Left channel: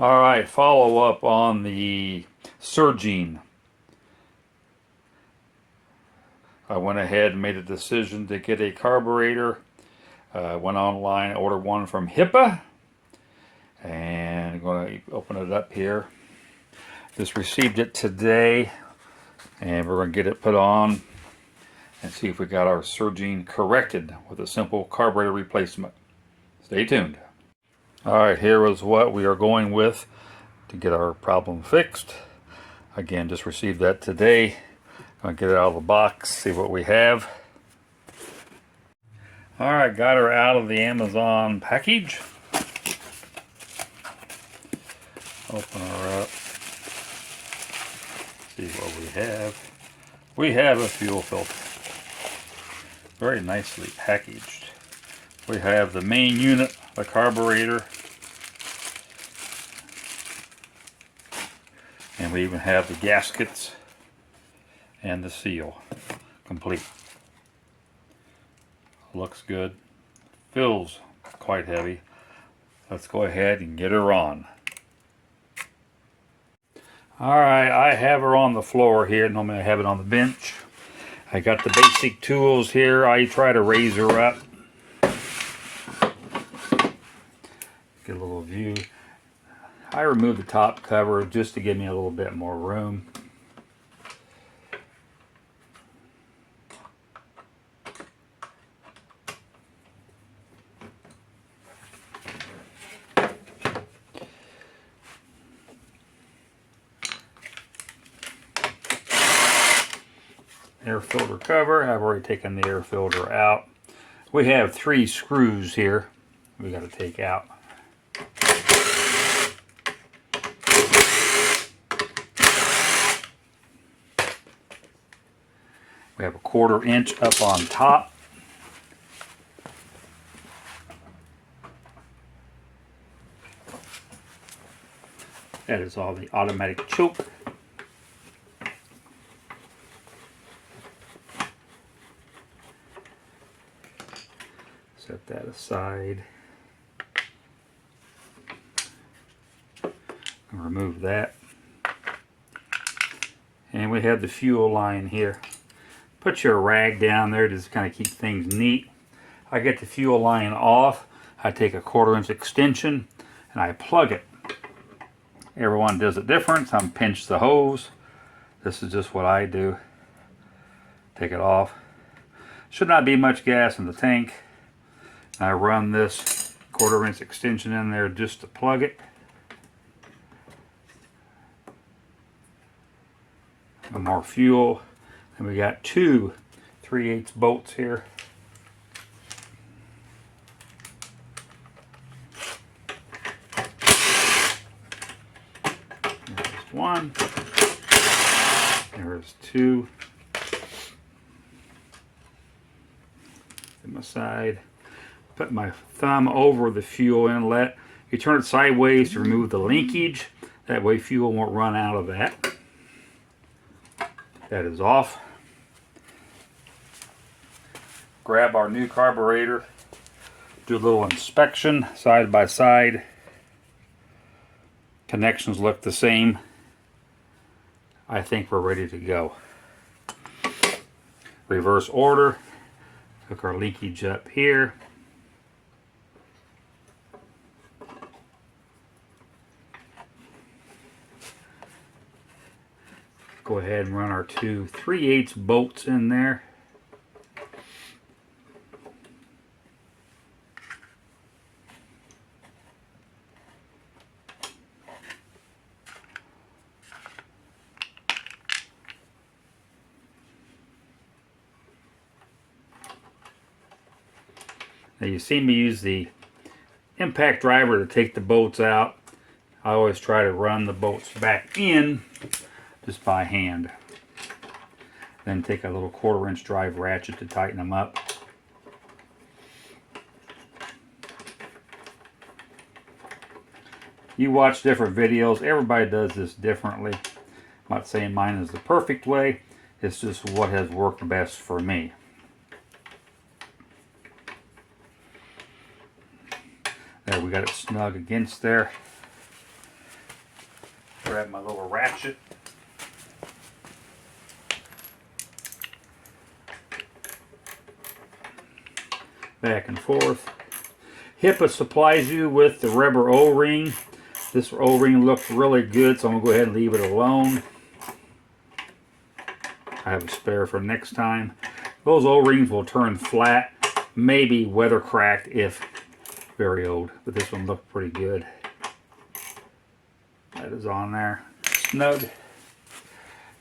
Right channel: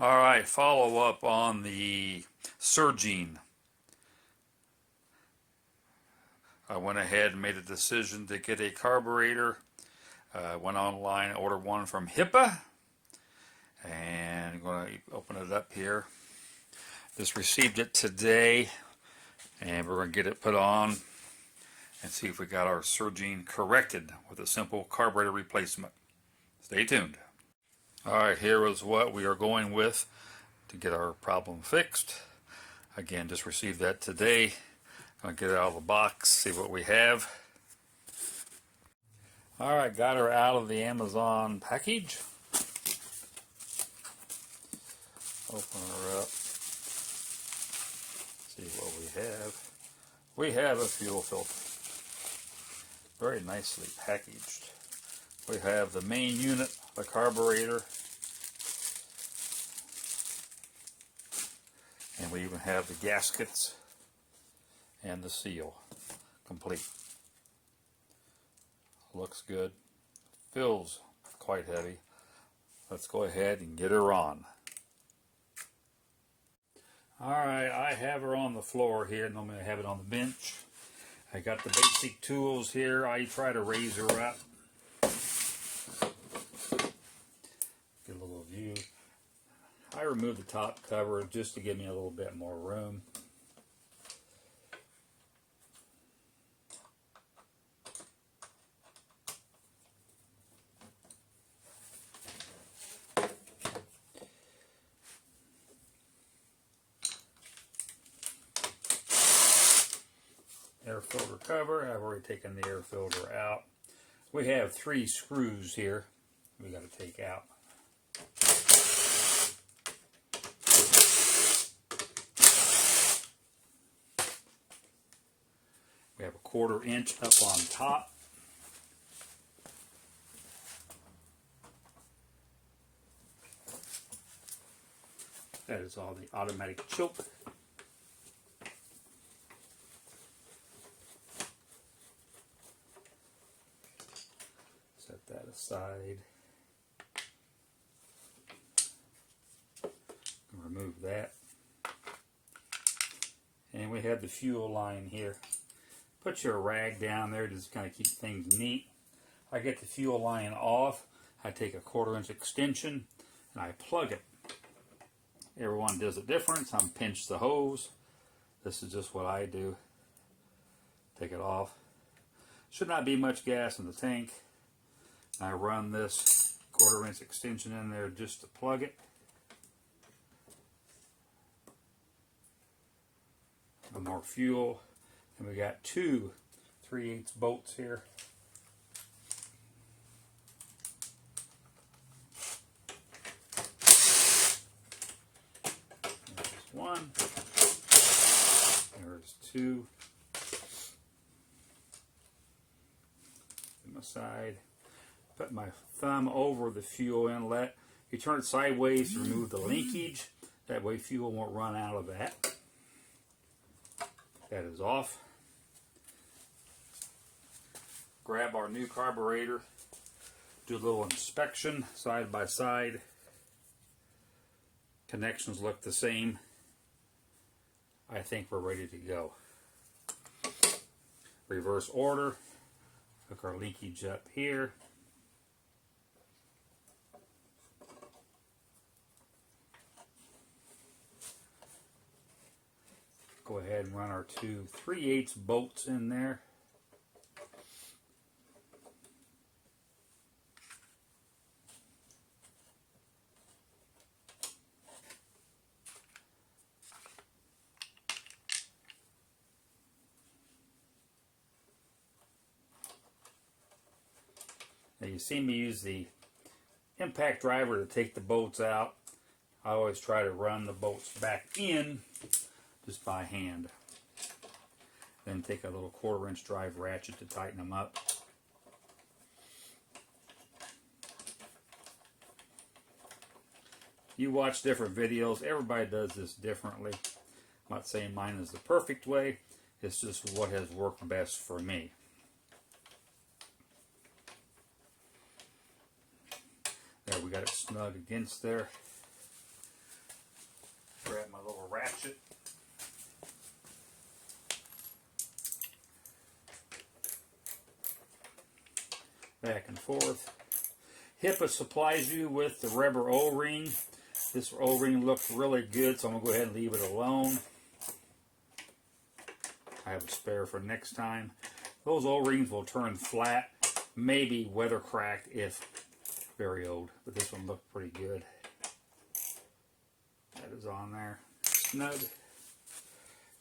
All right, follow up on the surging. I went ahead and made a decision to get a carburetor. Went online, ordered one from HIPAA, and I'm going to open it up here. Just received it today, and we're going to get it put on and see if we got our surging corrected with a simple carburetor replacement. Stay tuned. All right, here is what we are going with to get our problem fixed. Again, just received that today. I'll get it out of the box, see what we have. All right, got her out of the Amazon package. Open her up. See what we have. We have a fuel filter. Very nicely packaged. We have the main unit, the carburetor, and we even have the gaskets and the seal complete. Looks good. Feels quite heavy. Let's go ahead and get her on. Alright, I have her on the floor here. Normally I have it on the bench. I got the basic tools here. I try to raise her up. Get a little view. I removed the top cover just to give me a little bit more room. Air filter cover. I've already taken the air filter out. We have 3 screws here we got to take out. We have a 1/4 inch up on top. That is all the automatic choke. Set that aside. Remove that. And we have the fuel line here. Put your rag down there to just kind of keep things neat. I get the fuel line off. I take a 1/4 inch extension and I plug it. Everyone does it different. Some pinch the hose. This is just what I do. Take it off. Should not be much gas in the tank. I run this 1/4 inch extension in there just to plug it. More fuel. And we got 2 3/8 bolts here. There's 1. There's 2. Put my side. Put my thumb over the fuel inlet. You turn it sideways to remove the linkage. That way fuel won't run out of that. That is off. Grab our new carburetor. Do a little inspection side by side. Connections look the same. I think we're ready to go. Reverse order. Hook our linkage up here. Go ahead and run our 2 3/8 bolts in there. Now you see me use the impact driver to take the bolts out. I always try to run the bolts back in just by hand. Then take a little 1/4 inch drive ratchet to tighten them up. You watch different videos. Everybody does this differently. I'm not saying mine is the perfect way. It's just what has worked best for me. There, we got it snug against there. grab my little ratchet. Back and forth. HIPA supplies you with the rubber O-ring. This O-ring looks really good, so I'm going to go ahead and leave it alone. I have a spare for next time. Those O-rings will turn flat, maybe weather cracked if very old, but this one looked pretty good. That is on there. Snug.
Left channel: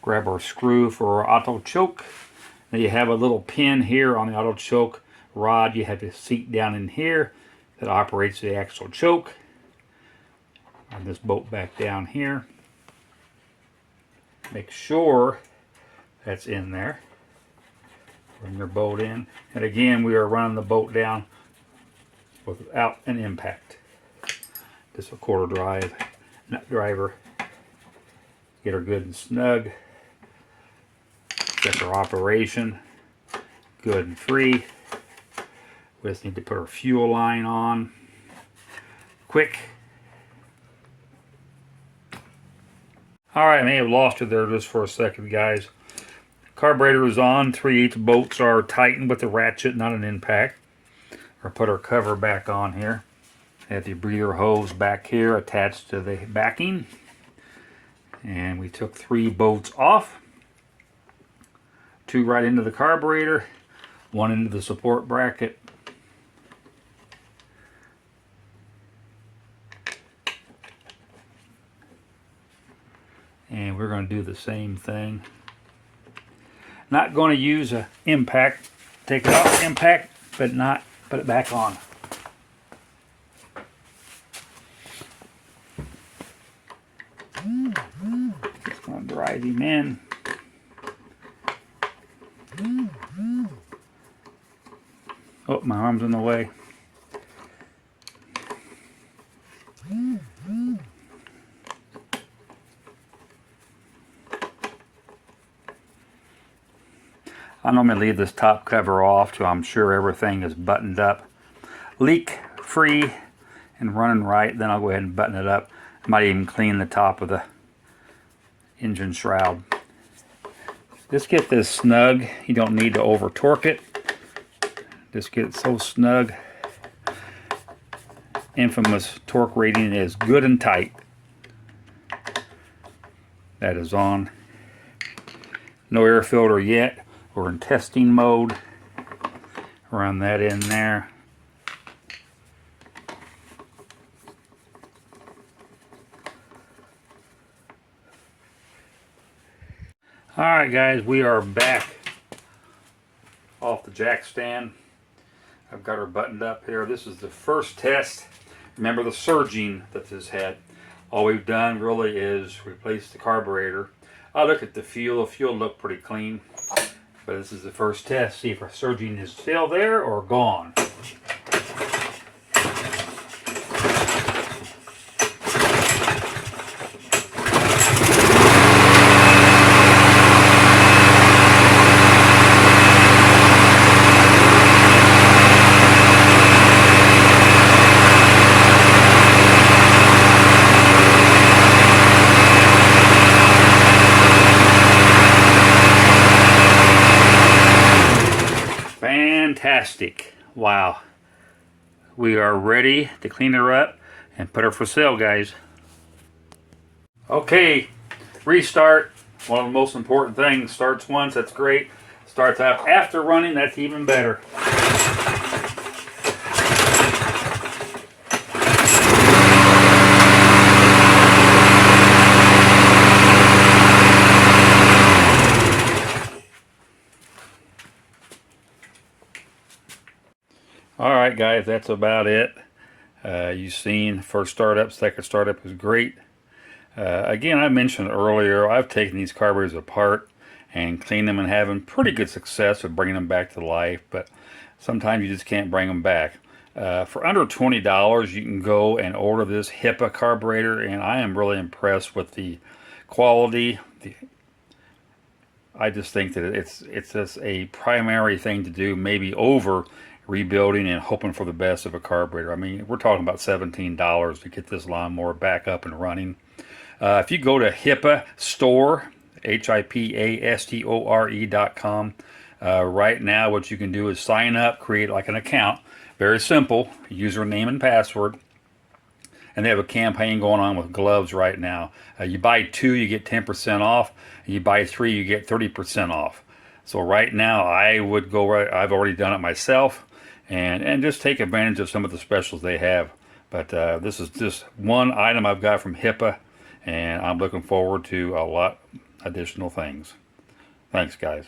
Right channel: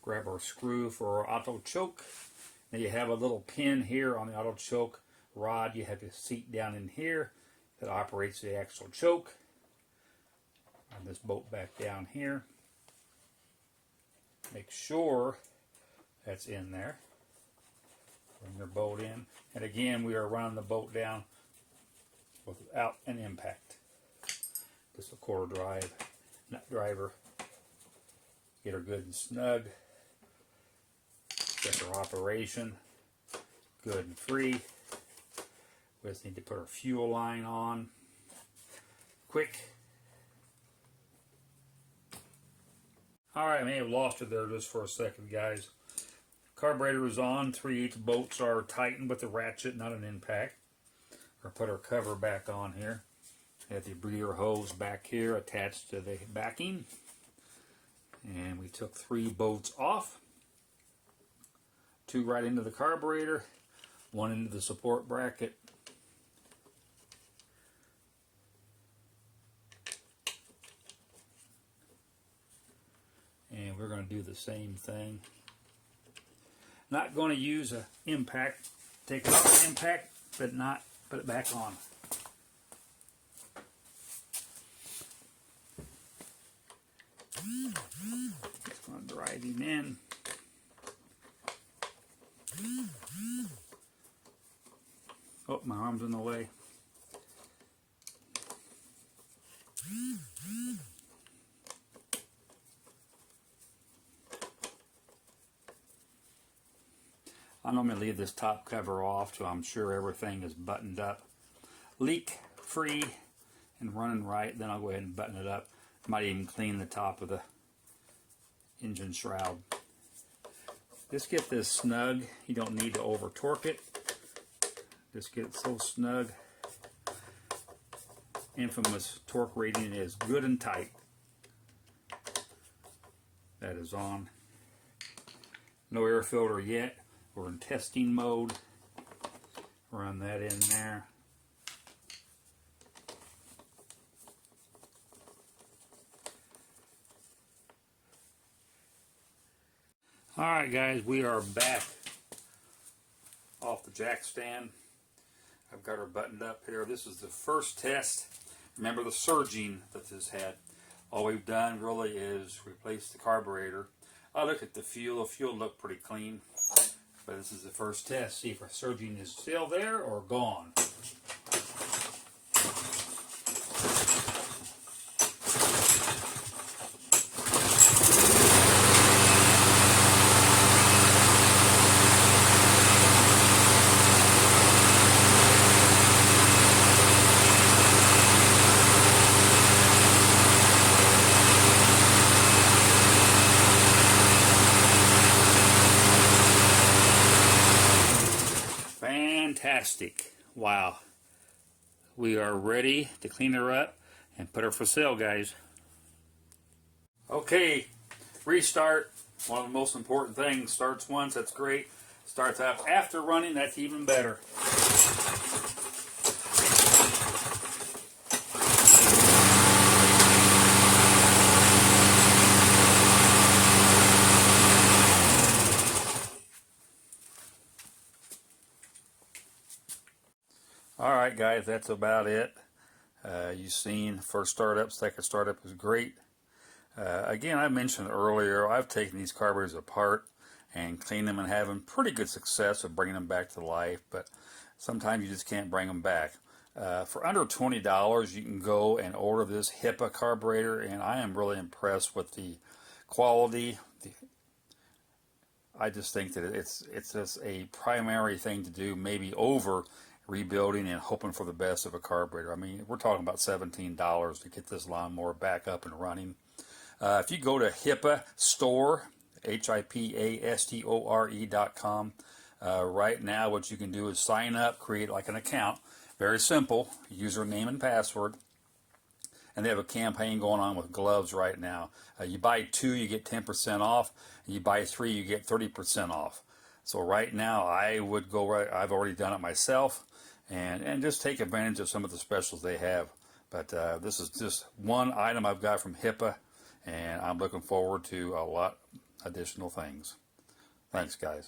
Grab our screw for our auto choke. Now you have a little pin here on the auto choke rod. You have to seat down in here that operates the actual choke. And this bolt back down here. Make sure that's in there. Bring your bolt in. And again, we are running the bolt down without an impact. Just a quarter drive, nut driver. Get her good and snug. Check our operation. Good and free. We just need to put our fuel line on. Quick. Alright, I may have lost you there just for a second, guys. Carburetor is on. 3/8 bolts are tightened with the ratchet, not an impact. Or put our cover back on here. Have the breather hose back here attached to the backing. And we took 3 bolts off. 2 right into the carburetor. 1 into the support bracket. And we're going to do the same thing. Not going to use an impact. Take it off the impact, but not put it back on. Just going to drive him in. Oh, my arm's in the way. I normally leave this top cover off so I'm sure everything is buttoned up, leak free and running right. Then I'll go ahead and button it up. I might even clean the top of the engine shroud. Just get this snug. You don't need to over torque it. Just get it so snug. Infamous torque rating is good and tight. That is on. No air filter yet. We're in testing mode. Run that in there. Alright guys, we are back off the jack stand. I've got her buttoned up here. This is the first test. Remember the surging that this had. All we've done really is replace the carburetor. I look at the fuel. The fuel looked pretty clean. But this is the first test. See if our surging is still there or gone. Fantastic. Wow. We are ready to clean her up and put her for sale, guys. Okay, restart. One of the most important things. Starts once, that's great. Starts up after running, that's even better. Alright guys, that's about it. You've seen first startup, second startup was great. Again, I mentioned earlier, I've taken these carburetors apart and cleaned them and having pretty good success with bringing them back to life, but sometimes you just can't bring them back. For under $20, you can go and order this HIPA carburetor, and I am really impressed with the quality. I just think that it's just a primary thing to do, maybe over rebuilding and hoping for the best of a carburetor. I mean, we're talking about $17 to get this lawnmower back up and running. If you go to HIPAA store, HIPASTORE.com, right now what you can do is sign up, create like an account. Very simple, username and password. And they have a campaign going on with gloves right now. You buy 2, you get 10% off. You buy 3, you get 30% off. So right now, I would go right. I've already done it myself, and just take advantage of some of the specials they have. But this is just one item I've got from HIPAA, and I'm looking forward to a lot additional things. Thanks, guys.